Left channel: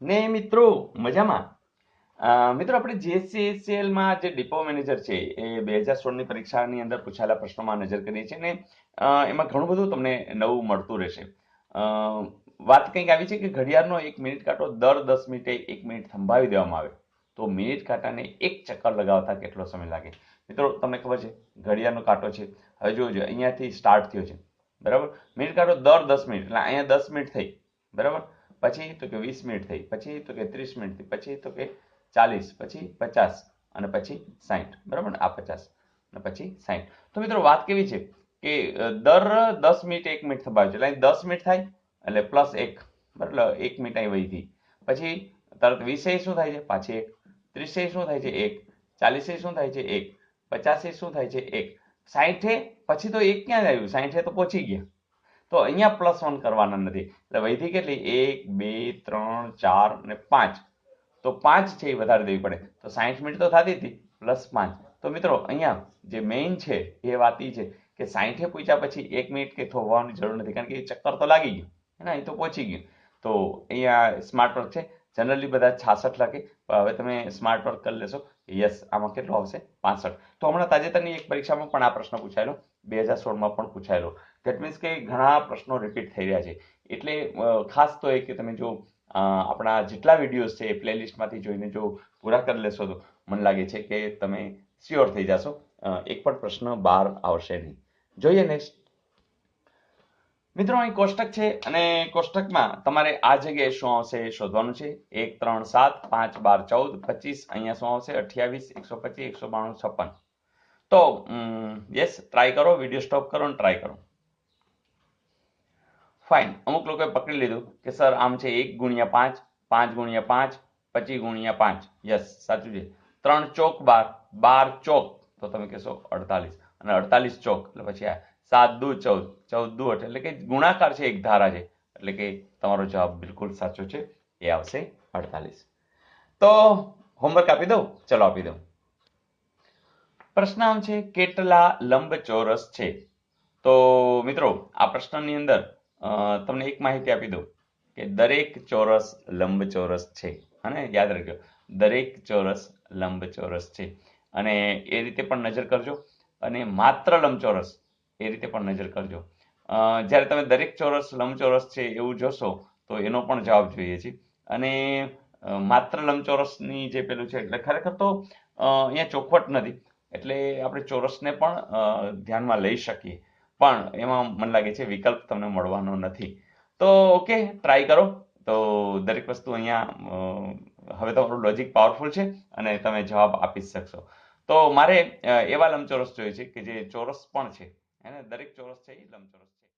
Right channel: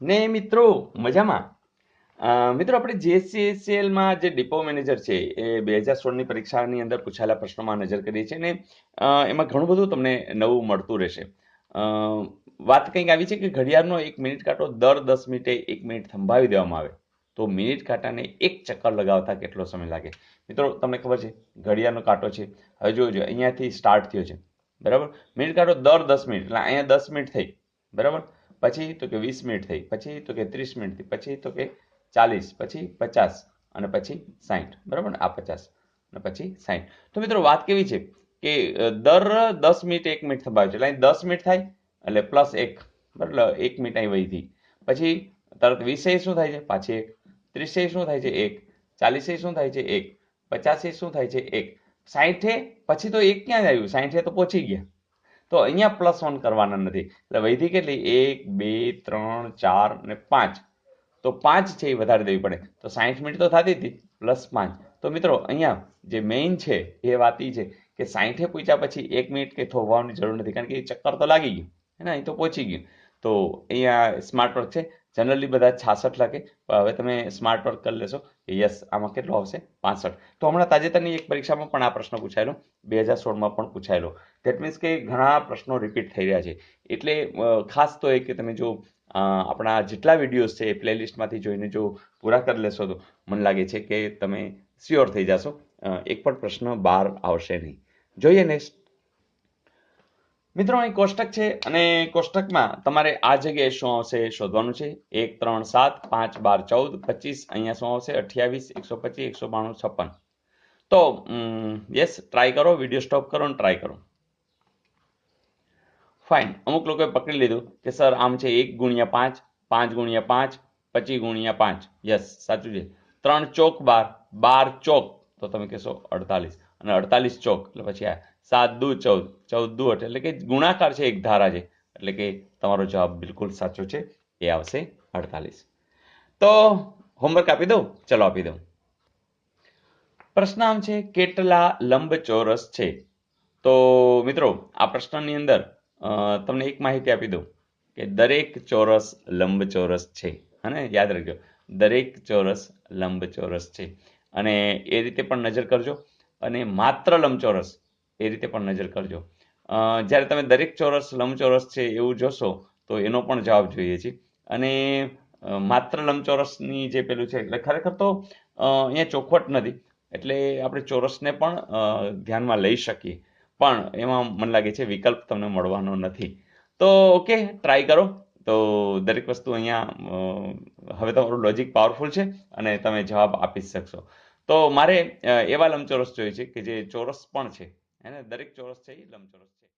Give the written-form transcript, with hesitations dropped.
ને મિત્રો મજામાં. મિત્રો આપણે JCCL માં જે ડિપો મેનેજર છે એ 2016ની પરીક્ષાની અંદર પૂછાયેલા પ્રશ્નોમાં નજર કરીએ છીએ ને એમાં ઘણું બધું તમને નવું મળતું રહેશે. અ, વાત કંઈક આવી છે કે ઘડિયાળનો 1 મિનિટ કાંટો દર 10 મિનિટે 1 મિનિટ થંભાવી દેવામાં આવે તો મિનિટ કાંટાને એક ચક્કર લગાવતા કેટલો સમય લાગે. મિત્રો તમને ખબર છે ઘડિયાળનો કાંટો છે, હવે જોજો અહીંયાથી સ્ટાર્ટ થયો છે, બરાબર. મિનિટ કાંટો દર 10 મિનિટ એટલે અહીંયા 10 મિનિટ થઈ, બરાબર. પછી તો કે 20 મિનિટ થઈ, પછી તો કે 30 મિનિટ થઈ, પછી તો કે 40, પછી 50 અને પછી 60, બરાબર ને. આ 50 અને પછી 60. તો મિત્રો વાત કેવી છે કે દર 10 મિનિટ 1 મિનિટ થંભાવે છે એટલે અહીં 10 મિનિટ થાય એટલે +1, બરાબર. 1 મિનિટ અહીં વહી હતી, પછી તરત 20 શું થાય છે પાછી 1, 30 શું થાય છે 1, 40 શું થાય છે 1, 50 શું થાય છે 1, 60 પછી તો 1 ક્યાં આવ્યું, 60 તો પહોંચી ગયા. તો અહીંયા +1 કરવાના નથી એટલે વૈધી કેટલી 1, 2, 3, 4 અને 5. તો 5 છે એ વધારે દેવી પડે તો 60 મિનિટ તો થતી હતી +5. તો મિત્રો અહીંયા જે મેઇન છે એ વાત એ છે કે 60 પૂછ્યા પછી 1 મિનિટ કે થોભવાની જરૂર નથી કારણ કે એ ચક્કર તો લાગી ગયું હે ને, અહીં તો પહોંચી ગયું. તો અહીંયા સ્માર્ટ વર્ક છે. જનરલી બધા 66 લખે, હવે તમે સ્માર્ટ વર્ક કરી લેશો. યસ, આમાં કેટલો આવશે 65. તો હમણાં તાજેતરની એક પરીક્ષામાં પણ આ પ્રશ્ન પૂછાયેલો, 2016માં પણ પૂછાયેલો. ધેટ મીન્સ કે ઘણા પ્રશ્નો રિપીટ થઈ રહ્યા છે એટલે ખાસ તો એ કે તમે જો આપણા જેટલા વિડીયોઝ છે એ પ્લેલિસ્ટમાંથી જોઈને જો પૂરા કરી લેશો તો મને લાગે છે કે તમે શ્યોર થઈ જશો, એક પણ પ્રશ્ન બહાર આવશે નહીં. જોઈએ નેક્સ્ટ. મિત્રો અહીં કોષ્ટક છે અને કોષ્ટકમાં તમારે આ જગ્યાએ શું આવશે એ શોધવાનું છે. 1, 3, 7, 5, 12, 14, 25. અહીંયા શું આવશે 28, 125, 192, 56. તો યસ, ટ્રાય કરો, વિડીયો સ્ટોપ કરો અને ટ્રાય કરો. ફાઇન. અમુક લોકોએ પકડી લીધું કે સર આમ છે 1 × 5, 5 × 5, 25 × 5. યસ, સાચું છે. 3 ચોક 12, 12 ચોક તો તમે કહેશો 48 અને 48 ચોક એટલે પછી આ 7 દુ 14, 14 દુ 8 એટલે કે ગુણાકાર છે, એક ધારા છે એટલે કે તમારો જવાબ બિલકુલ સાચો છે, એ આવશે 48. તો હોમવર્ક આપી દઉં, ચલો આપી દઉં. પ્રશ્ન આમ છે કેટલા લંબચોરસ છે. તો મિત્રો આ પ્રશ્નની અંદર તમને એક માહિતી આપી દઉં કે દરેક ચોરસ લંબચોરસ છે, અને યાદ રાખજો દરેક ચોરસ લંબચોરસ છે. અને એ રીતે પણ નજર કરજો અને માત્ર લંબચોરસ એ રીતે પણ નજર કરજો. જ્યારે તમે દરેક ચોરસ લંબચોરસ છે એવું જોશો તો એનો પણ જવાબ જોઈએ છે. અને માત્ર લંબચોરસની જે પેલું છે એટલે ખરેખર તો અહીંયા ચોખવટ નથી એટલે આપણે ચોરસને પણ ધ્યાનમાં લઈ શકીએ, પણ એમાં મને લાગે છે વિકલ્પ તમને મળવાનો નથી. તો ઓકે, ટ્રાય કરો. તો દરેક વસ્તુ અહીંયા હવે તમારું લોજિક પાવરફુલ છે અને તમે જવાબ આપી શકશો. તો મારે એવા લંબચોરસ જોઈએ છે કે જે ચોરસ પણ છે, હે ને, દરેક ચોરસ છે એ લંબચોરસ છે.